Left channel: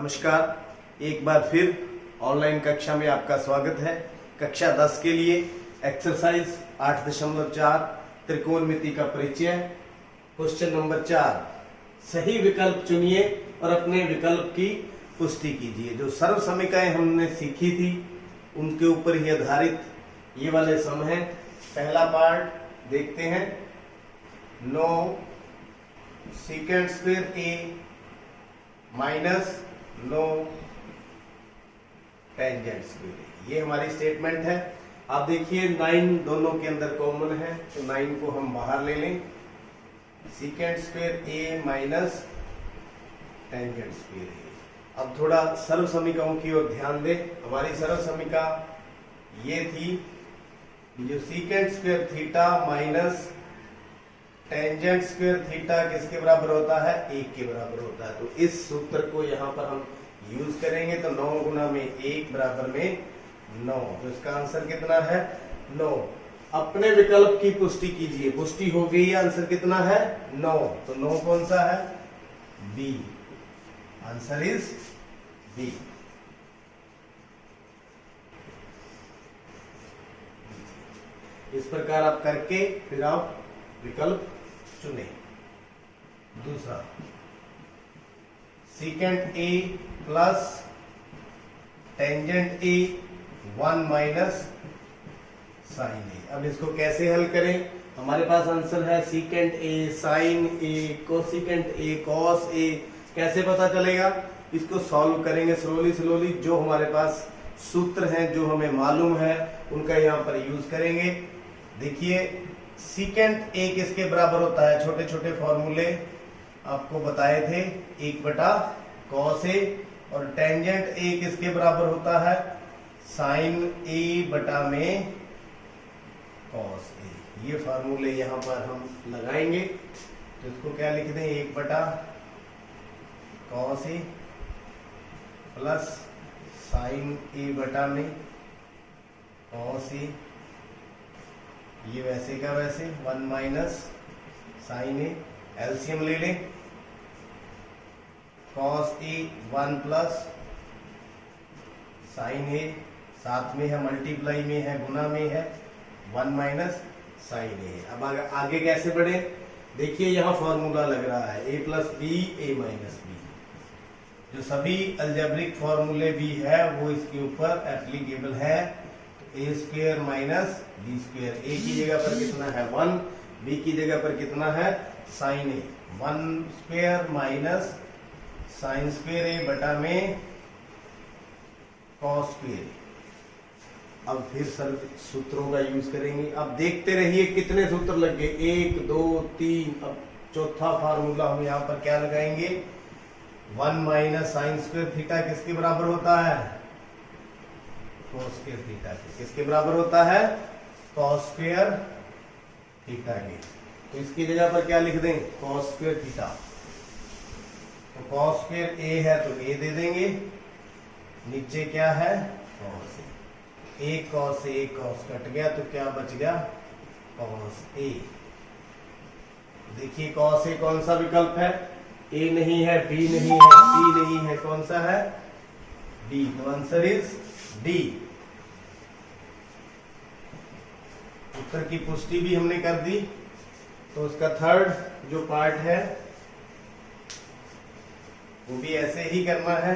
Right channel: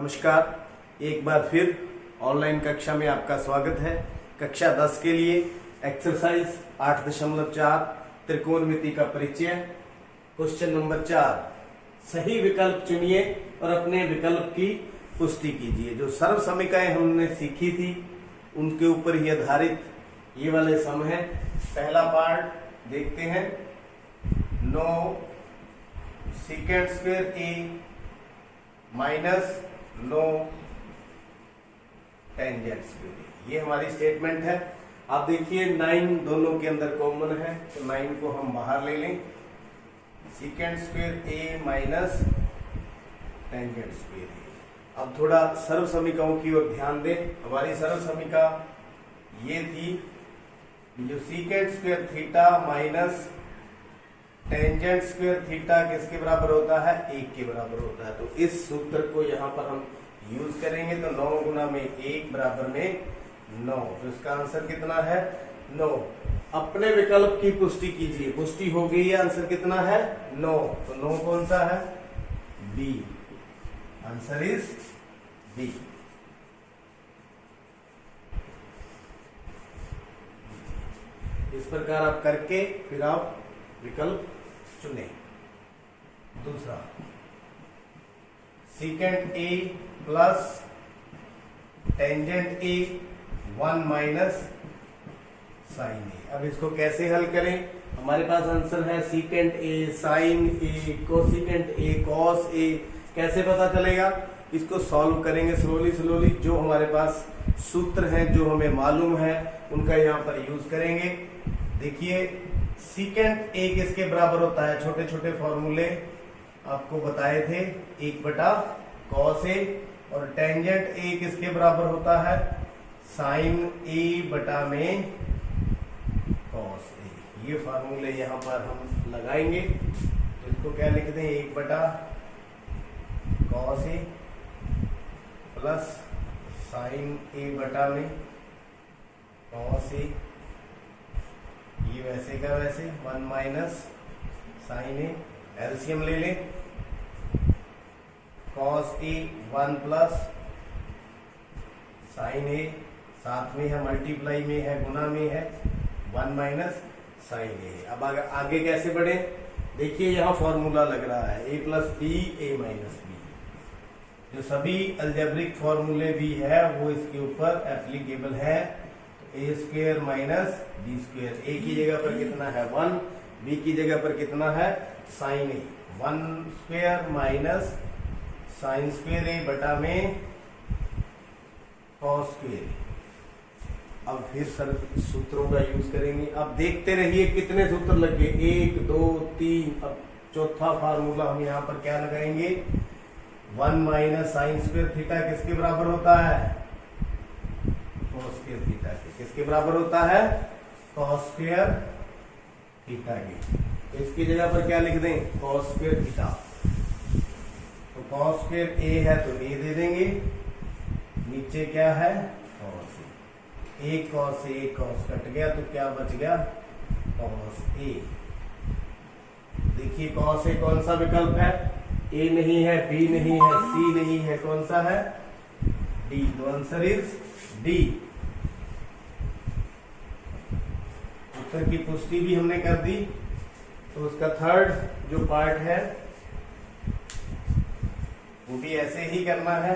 नमस्कार, एक बार फिर ऑनलाइन कक्षा में आपका स्वागत है। कक्षा 10 के लिए एक्सरसाइज 8.4 त्रिकोणमिति का परिचय। क्वेश्चन नंबर 4, सही विकल्प चुनिए और अपने विकल्प की पुष्टि कीजिए। जो सर्व समीकरण हमने सीखी थी उनके ऊपर ही आधारित ये वाले सम हैं। पहला पार्ट देखते हैं, 9 सेकेंड स्क्वायर ए माइनस 9 टेंजेंट स्क्वायर। ये हमारी स्टेटमेंट है। आप देखिए 9 दोनों के अंदर कॉमन है, तो 9 को हम बाहर ले लें। सेकेंड स्क्वायर ए माइनस टेंजेंट स्क्वायर ए। अब थोड़ा सर्व समीकरणों की ओर ध्यान दें। हमारी सर्व समीका ये थी, जो second square theta minus tangent square theta किसके बराबर होता है? 1 के बराबर होता है। तो इस सूत्र को यहाँ पर हम यूज करेंगे। तो 9 गुना में 1 बराबर में 9। तो इसका आंसर कितना है? 9। अपने विकल्प की पुष्टि कीजिए। पुष्टि हो गई, आंसर कितना है? 9। तो 9 कौन सा है? बी। Answer is b. इस प्रकार आप करके फिर आप विकल्प चुने। दूसरा, second a plus tangent a 1 minus sine a. अब इसको कैसे हल करें? हमारे पास आंसर है second a sine a cosecant a cos a. कैसे पता चलेगा? इसको सॉल्व करेंगे स्लोली। जो हमारे पास सूत्र हैं, जो हमें मालूम है, उनका यहाँ पर यूज करेंगे। देखिए सेकेंड ए किसके बराबर होता है? छोटे छोटे फॉर्मूले आपको बताए थे, 1/cos ए। और टेंजेंट ए किसके बराबर होता है? साइन ए बटा में कॉस ए। ये फॉर्मूले यहाँ पर हम लगाएंगे। तो इसको क्या लिख दें? 1/cos ए प्लस साइन ए बटा में कॉस ए। ये वैसे का वैसे 1 माइनस साइन ए। एलसीएम ले लें। कॉस ए 1 प्लस साइन ए, साथ में है मल्टीप्लाई में है, गुना में है, 1 माइनस साइन ए। अब आगे कैसे बढ़े? देखिए यहाँ फॉर्मूला लग रहा है ए प्लस बी ए माइनस बी। जो सभी अलजेब्रिक फॉर्मूले भी है वो इसके ऊपर एप्लीकेबल है। ए स्क्वेयर माइनस बी स्क्वेयर। ए की जगह पर कितना है? 1। बी की जगह पर कितना है? साइन ए। 1 स्क्वेयर माइनस साइन स्क्वेयर ए बटा में कॉस स्क्वेयर ए। अब फिर सर सूत्रों का यूज करेंगे। अब देखते रहिए कितने सूत्र लग गए, 1 2 3। अब चौथा फार्मूला हम यहाँ पर क्या लगाएंगे? 1 माइनस साइन स्क्वेयर थीटा किसके बराबर होता है? कॉस स्क्वायर थीटा के। किसके बराबर होता है? कॉस स्क्वायर थीटा के। तो इसकी जगह पर क्या लिख दें? Cos square theta. तो कॉस स्क्वायर ए है तो ए दे देंगे, नीचे क्या है? Cos A. एक कॉस ए, एक कॉस कट गया तो क्या बच गया? Cos A. देखिए कॉस ए कौन सा विकल्प है? ए नहीं है, बी नहीं है, सी नहीं है, कौन सा है? डी। तो आंसर इज डी। उत्तर की पुष्टि भी हमने कर दी। तो उसका थर्ड जो पार्ट है वो भी ऐसे ही करना है।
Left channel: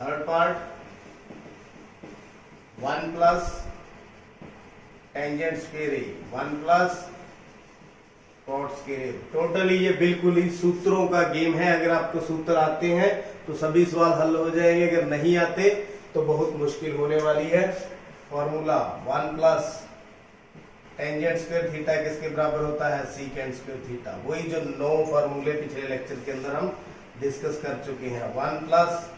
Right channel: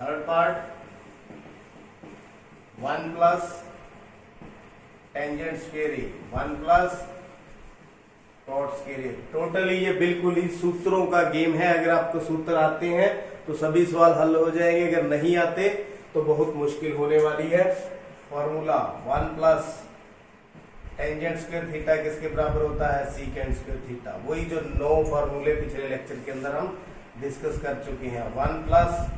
Third part 1 plus tangent square a 1 plus cot square a. Totally ये बिल्कुल ही सूत्रों का गेम है। अगर आपको सूत्र आते हैं तो सभी सवाल हल हो जाएंगे, अगर नहीं आते तो बहुत मुश्किल होने वाली है। Formula 1 plus tangent square theta किसके बराबर होता है? Second square theta. वही जो 9 फॉर्मूले पिछले लेक्चर के अंदर हम डिस्कस कर चुके हैं। 1 प्लस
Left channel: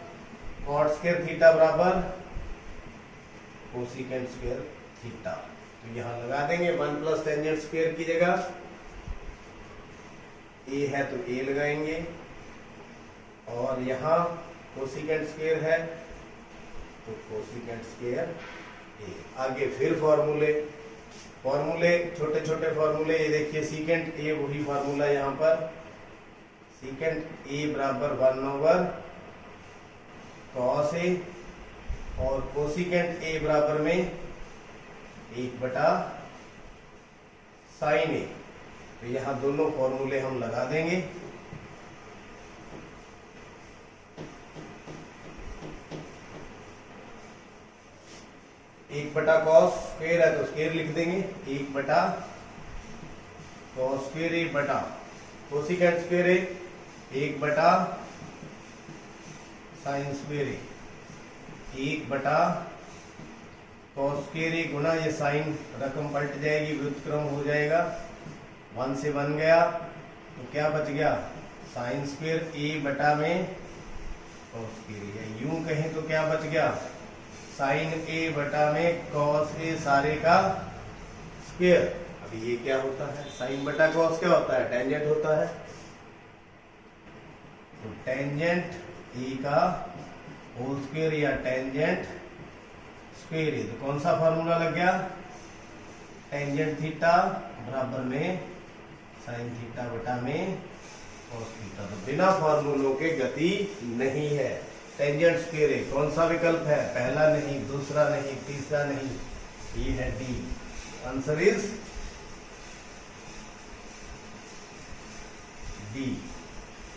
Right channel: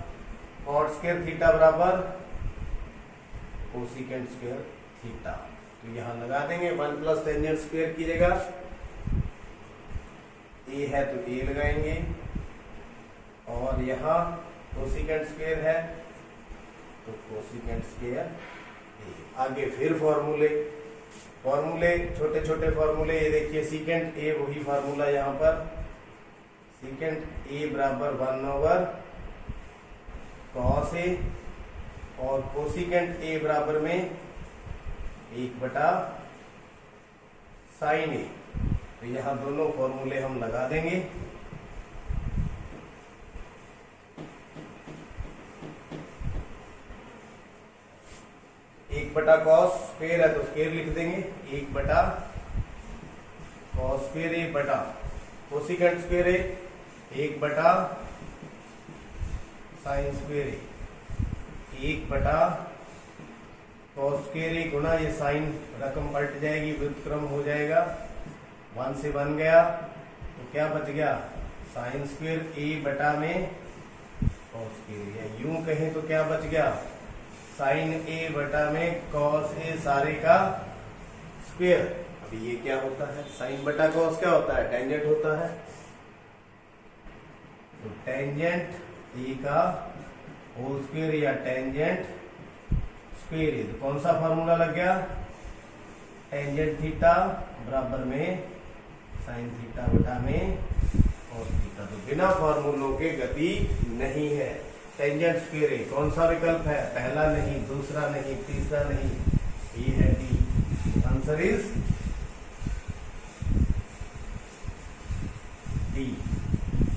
कॉट स्क्वायर थीटा बराबर कोसेकेंट स्क्वायर थीटा। तो यहां लगा देंगे 1 प्लस टेंजेंट स्क्वायर की जगह ए है तो ए लगाएंगे, और यहाँ कोसेकेंट स्क्वायर है तो कोसेकेंट स्क्वायर ए। आगे फिर फॉर्मूले छोटे छोटे फॉर्मूले। ये देखिए सेकेंड ए वही फार्मूला यहाँ पर सीकेंट ए बराबर 1/cos ए और कोसिकेंट ए बराबर में 1/sin ए। तो यहां दोनों फॉर्मूले हम लगा देंगे। एक बटा कॉस स्क्वेयर है तो स्क्वेयर लिख देंगे, 1/cos स्क्वेयर ए बटा कोसिकेंट स्क्वेयर ए 1/sin स्क्वेयर ए, 1/cos स्क्वेयर ए गुना ये साइन रकम पलट जाएगी, व्युत्क्रम हो जाएगा, 1 से बन गया तो क्या बच गया साइन स्क्वेयर ए बटा में कॉस स्क्वेयर ए। यूं कहें तो क्या बच गया साइन ए बटा में कॉस ए सारे का स्क्वेयर। अभी ये क्या होता है, साइन बटा कॉस क्या होता है, टेंजेंट होता है। तो टेंजेंट ए का होल स्क्वेयर या टेंजेंट स्क्वेयर ए। तो कौन सा फार्मूला लग गया, टेंजेंट थीटा बराबर में साइन थीटा बटा में कॉस थीटा। तो बिना फार्मूलों के गति नहीं है। टेंजेंट स्क्वेयर ए कौन सा विकल्प है, पहला नहीं, दूसरा नहीं, तीसरा नहीं, ये है डी। Answer is D.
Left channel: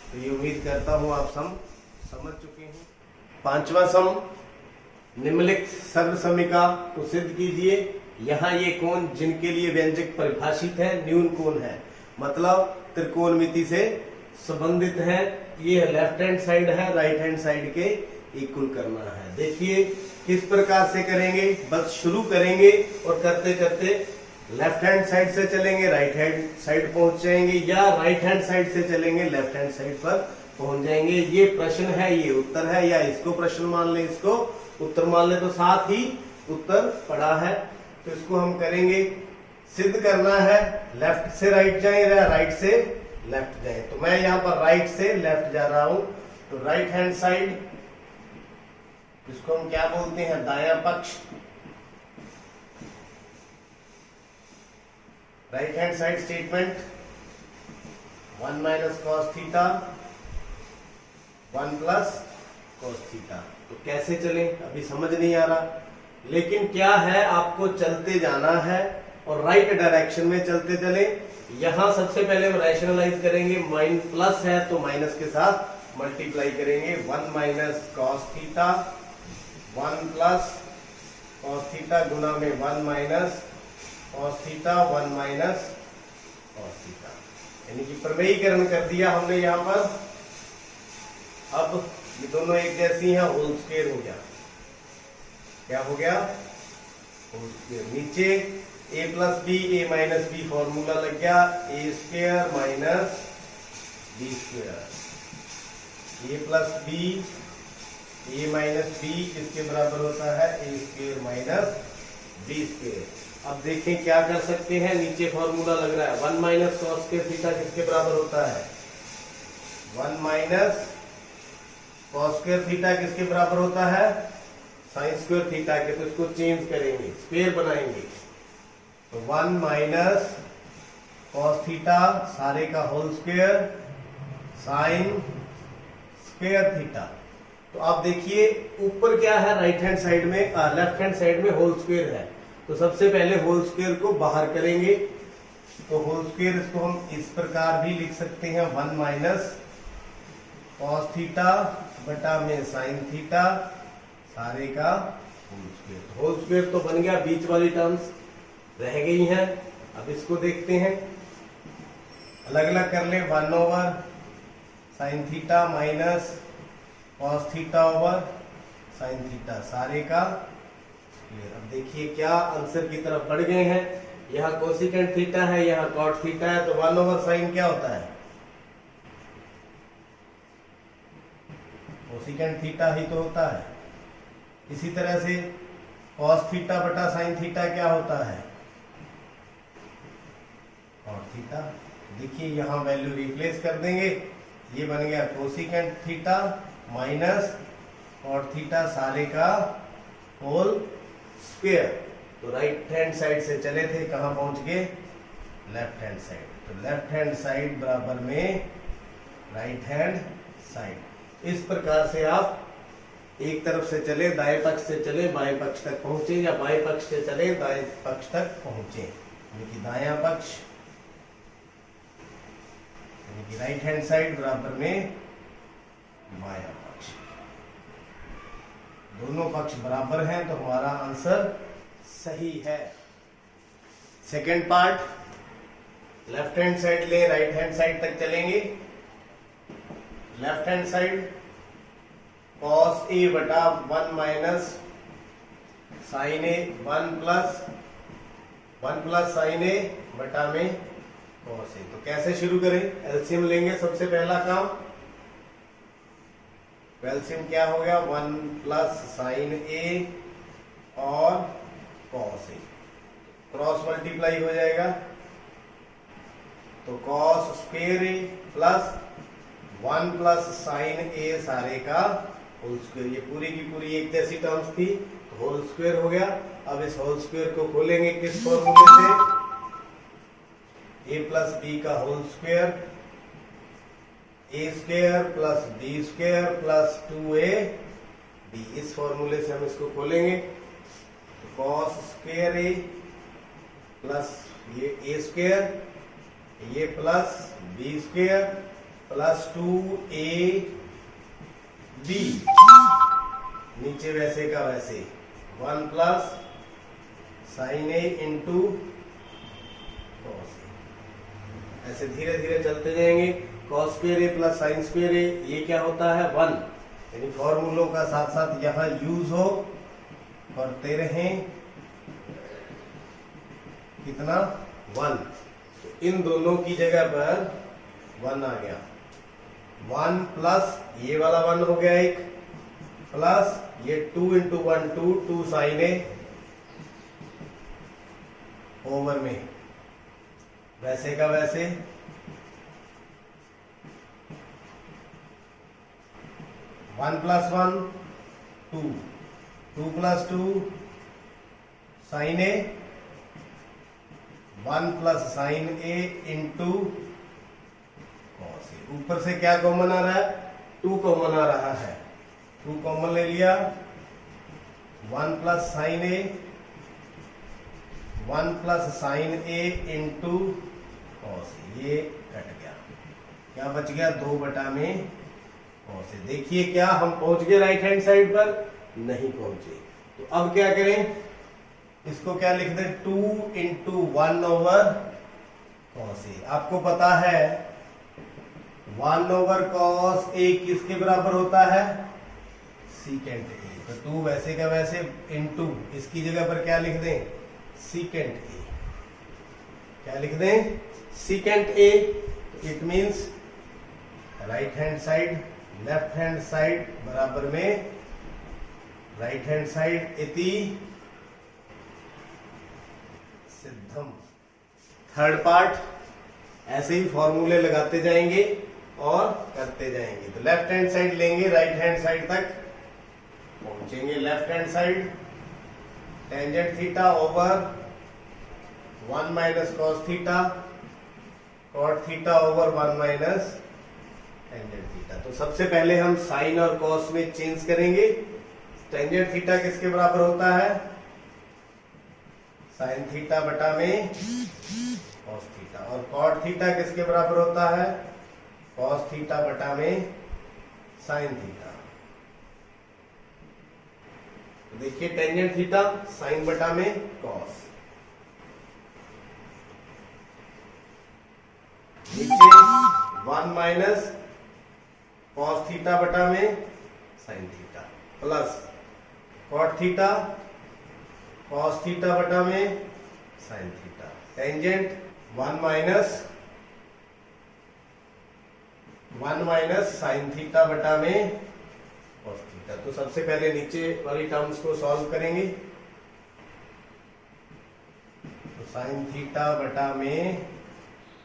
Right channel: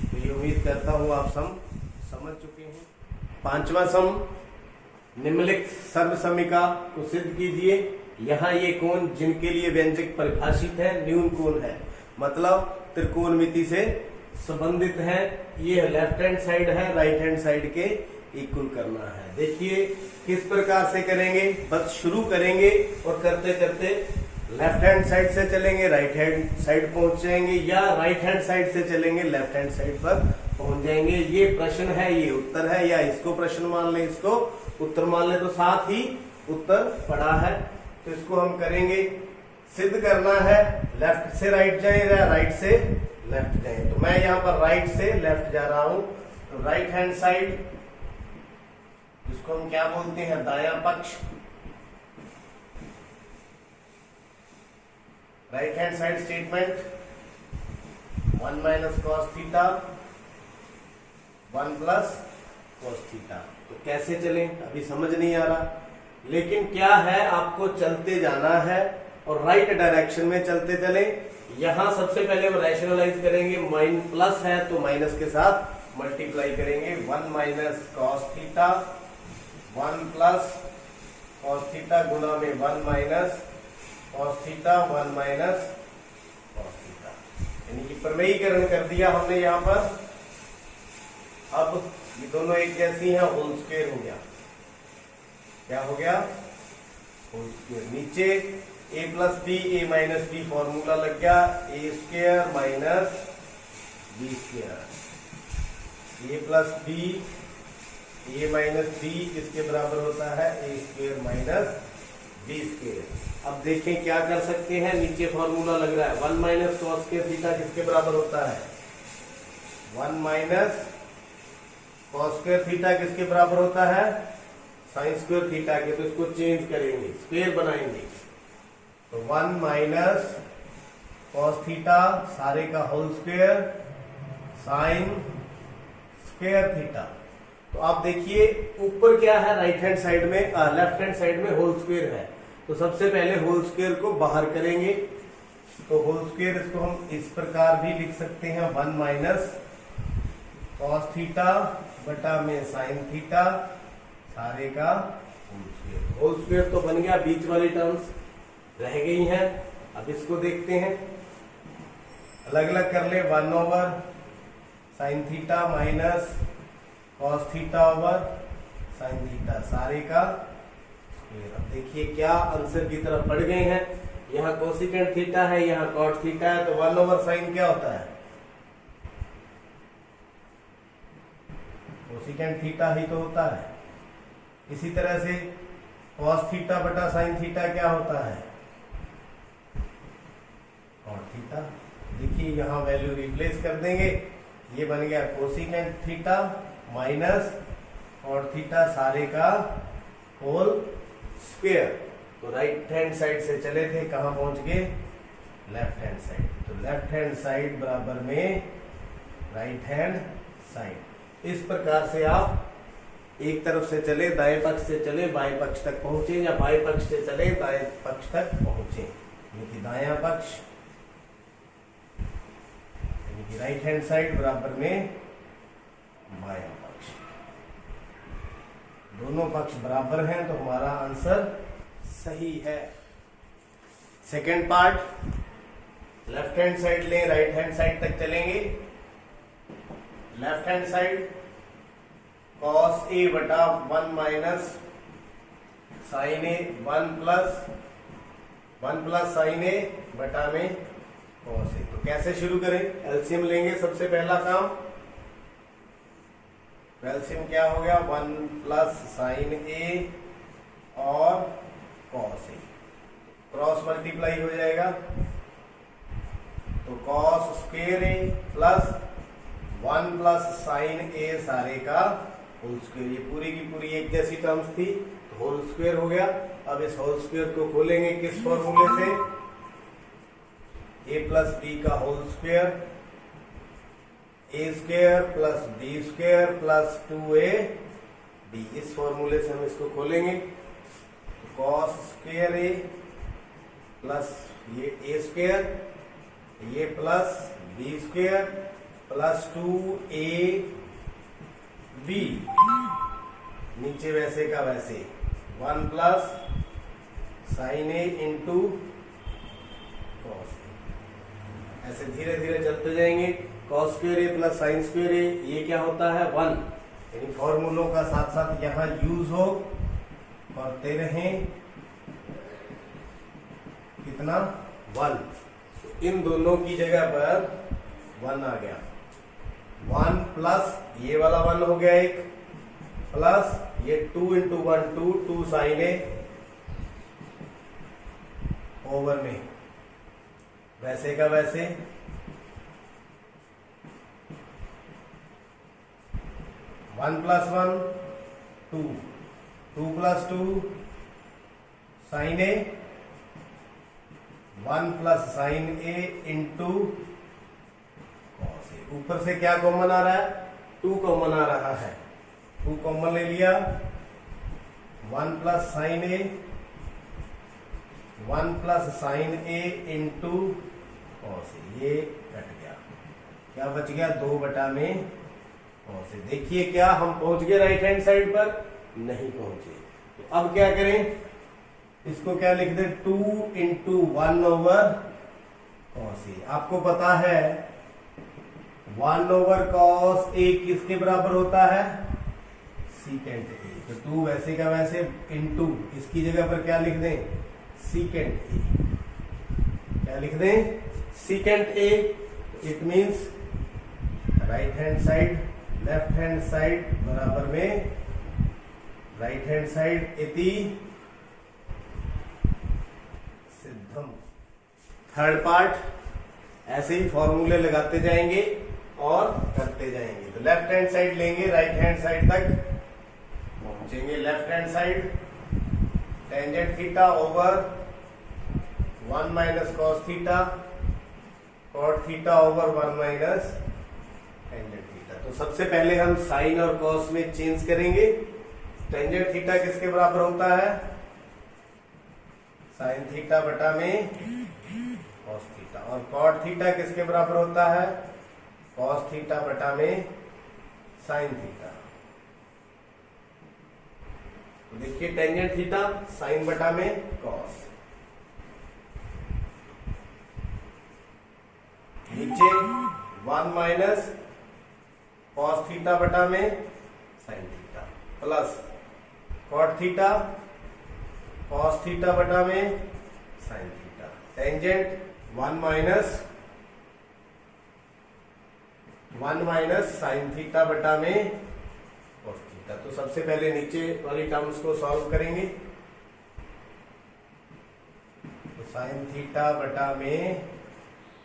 तो ये उम्मीद करता हूं आप समझ चुके हैं। पांचवा सम, निम्नलिखित सर्व समीका को सिद्ध कीजिए। यहाँ ये कोण जिनके लिए व्यंजक परिभाषित है न्यून कोण है, मतलब त्रिकोणमिति से संबंधित है। ये लेफ्ट हैंड साइड है, राइट हैंड साइड के इक्वल करना है। देखिए किस प्रकार से करेंगे, बस शुरू करेंगे और करते करते लेफ्ट हैंड साइड से चलेंगे, राइट हैंड साइड पहुंच जाएंगे, या राइट हैंड साइड से चलेंगे, लेफ्ट हैंड साइड पर पहुंच जाएंगे। ये प्रश्न है, ये उत्तर है, या इसको प्रश्न मान ले, इसको उत्तर मान ले, तो साथ ही उत्तर पड़ा है। तो इसको हम करेंगे, सिद्ध करना है लेफ्ट से राइट जाए या राइट से लेफ्ट जाए। तो मैं यहाँ पर राइट से लेफ्ट जा रहा हूं। तो राइट हैंड साइड, इसको हम क्या बोलते हैं, दायां पक्ष। Right hand side statement 1 - cos theta 1 + cos theta. तो कैसे चलें अभी समझ नहीं आ रहा, लेकिन क्या है आपको चलते जाना है और राइट डायरेक्शन में चलते चले। यहां सबसे पहले हम रैशनलाइज करेंगे, माइन प्लस है तो माइनस के साथ मल्टीप्लाई करेंगे। 1 - cos थीटा 1 + cos थीटा गुना में 1 - cos थीटा 1 - cos थीटा, यानी कि प्रमेयीकरण कर दिया हमने यहाँ पर। अब ये दोनों एक जैसी हैं, होल स्क्वायर हो गया। क्या हो गया, होल स्क्वायर। नीचे a + b a - b formula लग गया, a² - b²। a + b a - b किसके बराबर होता है, a² - b²। अब देखें क्या कर सकते हैं, नीचे फॉर्मूला लग रहा है 1 - cos थीटा किसके बराबर होता है, 1 - cos थीटा किसके बराबर होता है, sin थीटा के। तो इसको चेंज करेंगे, स्क्वायर बनाएंगे। तो 1 - cos थीटा सारे का होल स्क्वायर sin थीटा। तो आप देखिए ऊपर क्या है, राइट हैंड साइड में, लेफ्ट हैंड साइड में होल स्क्वायर है। तो सबसे पहले होल स्क्वायर को बाहर करेंगे। तो होल स्क्वायर इसको हम इस प्रकार भी लिख सकते हैं, 1 - cos थीटा बटा में sin थीटा सारे का होल स्क्वायर। होल स्क्वायर तो बन गया, बीच वाली टर्म्स रह गई हैं। अब इसको देखते हैं, अलग अलग कर ले। 1/sin theta minus cos theta over sin theta सारे का स्क्वायर। अब देखिए क्या आंसर की तरफ बढ़ गए हैं। यहाँ कोसिकेंट थीटा है, यहाँ cot थीटा है, तो 1/sin क्या होता है, कोसिकेंट थीटा ही तो होता है। इसी तरह से cos थीटा बटा sin थीटा क्या होता है, cot थीटा। देखिए यहां वैल्यू रिप्लेस कर देंगे, ये बन गया cosecant theta minus cot theta सारे का होल स्क्वायर। तो राइट हैंड साइड से चले थे, कहां पहुंच गए, लेफ्ट हैंड साइड। तो लेफ्ट हैंड साइड बराबर में राइट हैंड साइड। इस प्रकार से आप एक तरफ से चले, दाएं पक्ष से चले बाएं पक्ष तक पहुंचे, या बाएं पक्ष से चले दाएं पक्ष तक पहुंचे, यानी कि दायां पक्ष यानी कि राइट हैंड साइड बराबर में बायां पक्ष। दोनों पक्ष बराबर हैं तो हमारा आंसर सही है। Second part, left hand side ले, राइट हैंड साइड तक चलेंगे। Left hand side cos a बटा 1 माइनस साइन ए, 1 प्लस साइन ए बटा में cos a। तो कैसे शुरू करें? एलसीएम लेंगे। सबसे पहला काम, एलसीएम क्या हो गया? 1 प्लस साइन ए और cos a, क्रॉस मल्टीप्लाई हो जाएगा तो cos square A plus 1 plus sine ए सारे का होल स्क्वेयर। ये पूरी की पूरी एक जैसी टर्म्स थी तो होल स्क्वेयर हो गया। अब इस होल स्क्वेयर को खोलेंगे किस फॉर्मूले से? a प्लस बी का whole square, a square plus B square plus 2ab। इस फॉर्मूले से हम इसको खोलेंगे तो cos स्क्वेयर ए प्लस ये ए स्क्वेयर, ये plus B square plus 2ab, नीचे वैसे का वैसे 1 plus sine A into cos A. ऐसे धीरे धीरे चलते जाएंगे। Cos square A plus sine square A, ये क्या होता है? 1। यानी फॉर्मूलों का साथ साथ यहां यूज हो करते रहें। कितना? 1। तो इन दोनों की जगह पर 1 आ गया। 1 प्लस ये वाला 1 हो गया एक, प्लस ये 2 इंटू 1 2 साइन ए ओवर में वैसे का वैसे 1 plus 1 2, 2 plus 2 sign A, 1 plus sine A into cos ए। ऊपर से क्या कॉमन आ रहा है? 2 कॉमन आ रहा है। 2 कॉमन ले लिया। 1 plus sine A, 1 plus sine A into cos ए, ये कट गया। क्या बच गया? 2 बटा में कॉस ए। देखिए क्या हम पहुंच गए राइट हैंड साइड पर? नहीं पहुंचे। तो अब क्या करें? इसको क्या लिख दे? 2 इंटू 1 ओवर कॉस ए। आपको पता है 1 ओवर कॉस ए किसके बराबर होता है? Secant A. तो 2 वैसे का वैसे इंटू, इसकी जगह पर क्या लिख दें? Secant A. क्या लिख दें? Secant A. It means right hand side left hand side बराबर में राइट हैंड साइड इति सिद्धम। थर्ड पार्ट, ऐसे ही फॉर्मूले लगाते जाएंगे और करते जाएंगे। तो लेफ्ट हैंड साइड लेंगे, राइट हैंड साइड तक पहुंचेंगे। Left hand side tangent theta over 1 minus cos theta, cot theta over 1 minus tangent theta. तो सबसे पहले हम साइन और कॉस में चेंज करेंगे। टेंजेंट थीटा किसके बराबर होता है? साइन थीटा बटा में कॉस थीटा। और कॉट थीटा किसके बराबर होता है? कॉस थीटा बटा में साइन थीटा। तो देखिए टेंजेंट थीटा साइन बटा में कॉस, नीचे 1 माइनस कॉस थीटा बटा में sine theta plus cot theta cos theta बटा में sine theta. Tangent 1 minus sine theta बटा में कॉस थीटा। तो सबसे पहले नीचे वाली टर्म्स को सॉल्व करेंगे। तो साइन थीटा बटा में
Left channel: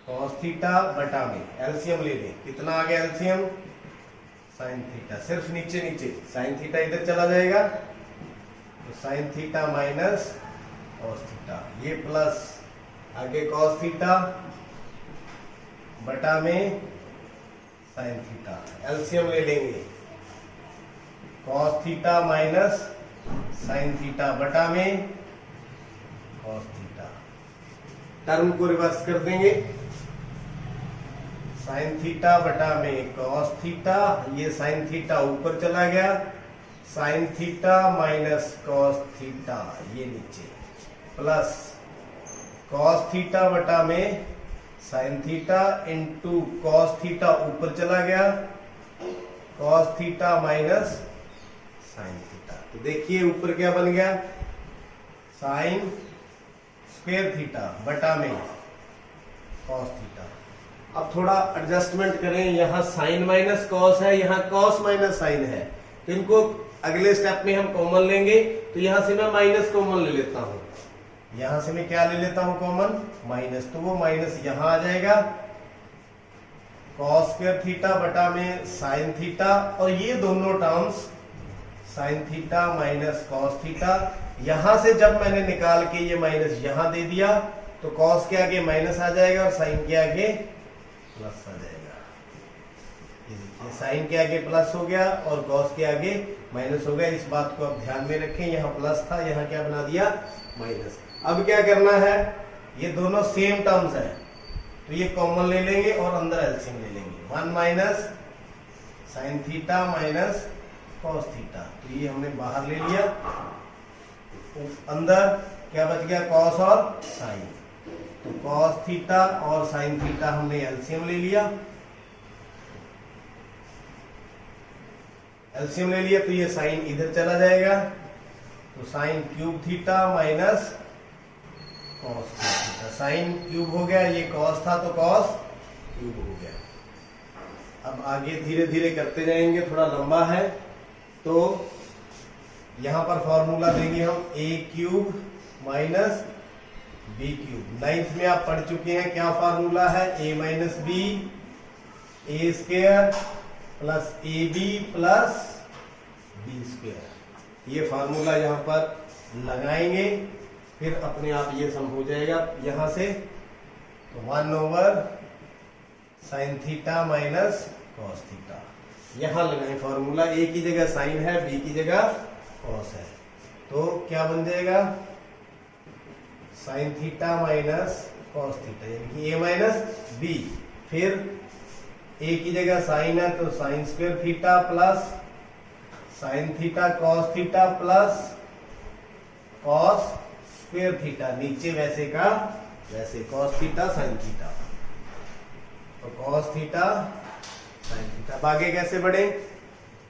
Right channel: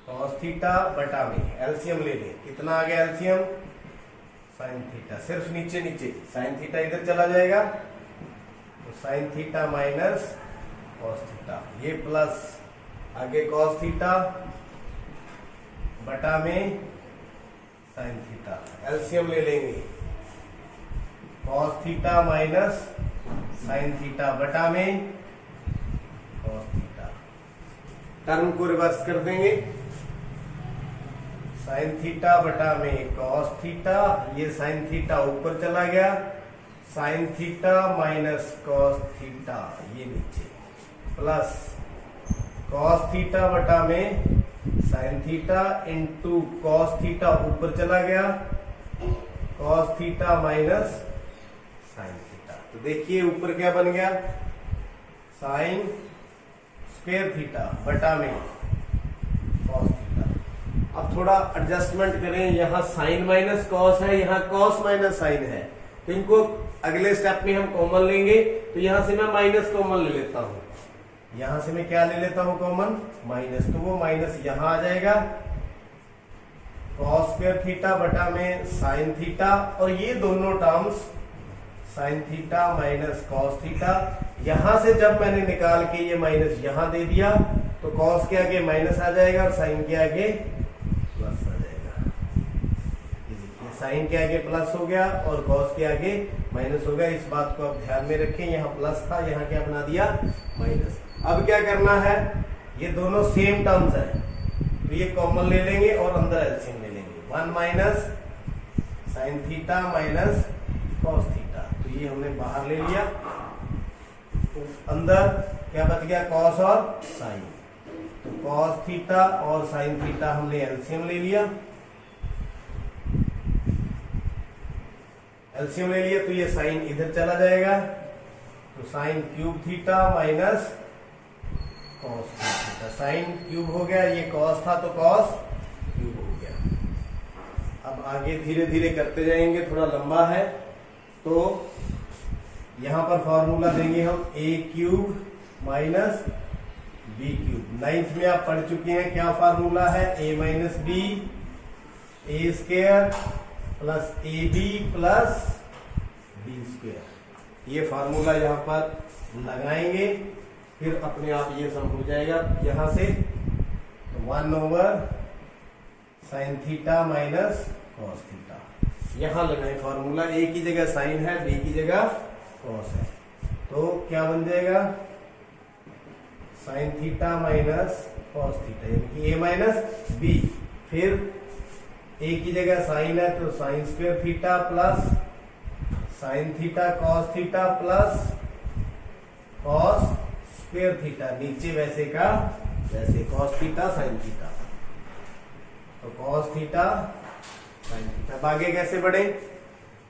कॉस थीटा बटा में एलसीएम ले लें। कितना आ गया एलसीएम? Sine theta. सिर्फ नीचे नीचे साइन थीटा इधर चला जाएगा तो sine theta minus cos theta, ये प्लस आगे कॉस थीटा बटा में साइन थीटा। एलसीएम ले लेंगे, cos theta minus sine theta बटा में कॉस थीटा। टर्म को रिवर्स कर देंगे, साइन थीटा बटा में कॉस थीटा, ये साइन थीटा ऊपर चला गया, sine theta minus cos theta ये नीचे, प्लस कॉस थीटा बटा में sine theta into cos theta ऊपर चला गया, cos theta minus sine theta. तो देखिए ऊपर क्या बन गया, साइन स्क्वायर थीटा बटा में कॉस थीटा। अब थोड़ा एडजस्टमेंट करें, यहाँ साइन माइनस कॉस है, यहाँ कॉस माइनस साइन है, तो इनको अगले स्टेप में हम कॉमन लेंगे। तो यहां से मैं माइनस कॉमन ले लेता हूं, यहां से मैं क्या ले लेता हूं कॉमन, माइनस, तो वो माइनस यहां आ जाएगा, कॉस स्क्वायर थीटा बटा में साइन थीटा, और ये दोनों terms sine theta minus cos theta, यहां से जब मैंने निकाल के ये माइनस यहां दे दिया तो कॉस के आगे माइनस आ जाएगा और साइन के आगे प्लस आ जाएगा। ये देखिए साइन के आगे प्लस हो गया और कॉस के आगे माइनस हो गया। इस बात को आप ध्यान में रखें, यहाँ प्लस था, यहाँ क्या बना दिया माइनस। अब क्या करना है, ये दोनों सेम टर्म्स हैं तो ये कॉमन ले लेंगे और अंदर एलसीएम ले लेंगे, 1 minus sine theta minus cos theta, तो ये हमने बाहर ले लिया। तो अंदर क्या बच गया, कॉस और साइन, तो कॉस थीटा और साइन थीटा हमने एलसीएम ले लिया, एलसीएम ले लिया, तो ये साइन इधर चला जाएगा, तो sine cube theta minus cos theta, sine cube हो गया, ये कॉस था तो कॉस क्यूब हो गया। अब आगे धीरे धीरे करते जाएंगे, थोड़ा लंबा है, तो यहां पर फॉर्मूला देंगे हम a cube minus b cube. 9th में आप पढ़ चुके हैं, क्या फॉर्मूला है, a minus b a square plus a b plus b square. ये फॉर्मूला यहाँ पर लगाएंगे, फिर अपने आप ये सम हो जाएगा यहां से, तो 1 over sine theta minus cos theta. यहां लगाएं फॉर्मूला, ए की जगह साइन है, बी की जगह कॉस है, तो क्या बन जाएगा, sine theta minus cos theta, यानी कि ए माइनस बी, फिर ए की जगह साइन है तो sine square theta plus sine theta cos theta plus cos square theta, नीचे वैसे का वैसे कॉस थीटा साइन थीटा, तो कॉस थीटा साइन थीटा। आगे कैसे बढ़े,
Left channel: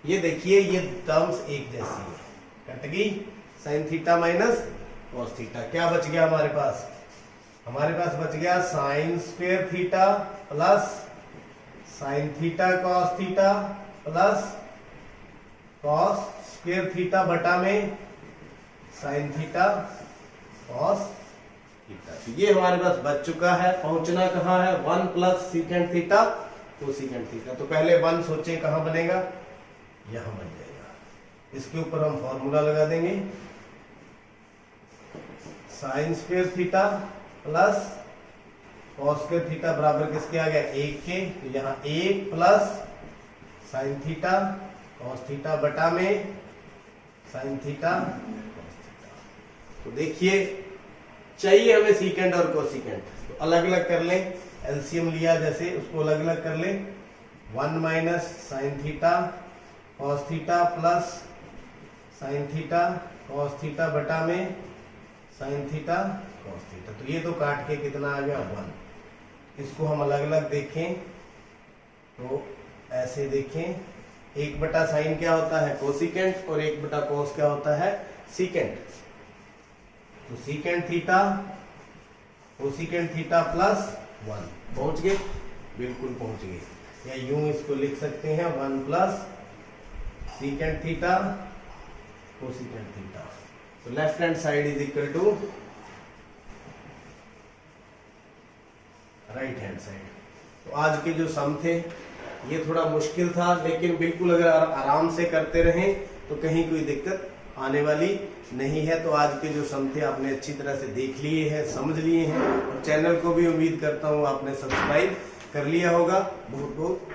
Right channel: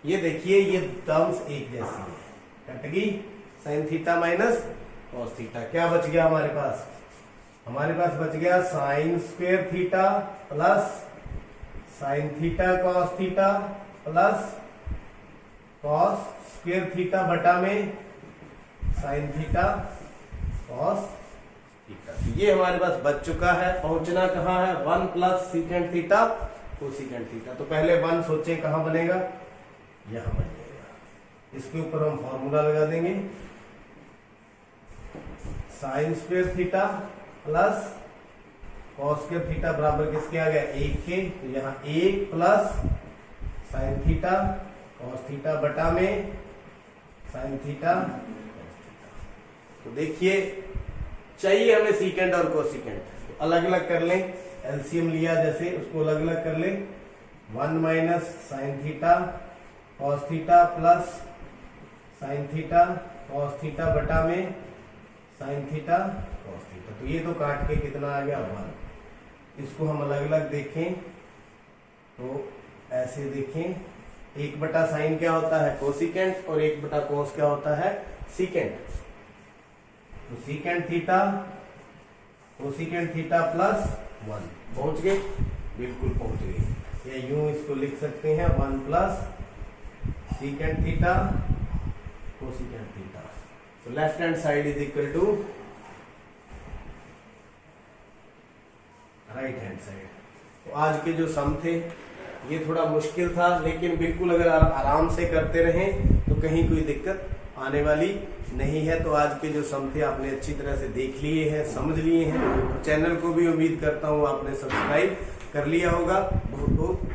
ये देखिए ये टर्म्स एक जैसी है, कट गई, sine theta minus cos theta, क्या बच गया हमारे पास, हमारे पास बच गया sine square theta plus sine theta cos theta plus cos square theta बटा में साइन थीटा कॉस थीटा। तो ये हमारे पास बच चुका है। पहुंचना कहाँ है, 1 plus secant theta cosecant theta. तो पहले 1 सोचे कहाँ बनेगा, यहां बन जाएगा, इसके ऊपर हम फॉर्मूला लगा देंगे, sine square theta plus cos square theta बराबर किसके आ गया, 1 के, तो यहाँ 1 plus sine theta cos theta बटा में साइन थीटा कॉस थीटा। तो देखिए चाहिए हमें सीकेंट और कोसिकेंट, तो अलग अलग कर लें, एलसीएम लिया जैसे उसको अलग अलग कर लें, 1 minus sine theta cos theta plus sine theta cos theta बटा में साइन थीटा कॉस थीटा। तो ये तो काट के कितना आ गया, 1। इसको हम अलग अलग देखें तो ऐसे देखें, 1 बटा साइन क्या होता है, कोसिकेंट, और 1 बटा कॉस क्या होता है, सीकेंट। तो secant theta cosecant theta plus 1, पहुंच गए, बिल्कुल पहुंच गए, या यूं इसको लिख सकते हैं 1 plus secant theta cosecant theta. तो left hand side is equal to right hand side. तो आज के जो सम थे ये थोड़ा मुश्किल था, लेकिन बिल्कुल अगर आराम से करते रहें तो कहीं कोई दिक्कत आने वाली नहीं है। तो आज के जो सम थे आपने अच्छी तरह से देख लिए हैं, समझ लिए हैं, और चैनल को भी उम्मीद करता हूँ आपने सब्सक्राइब कर लिया होगा। बहुत बहुत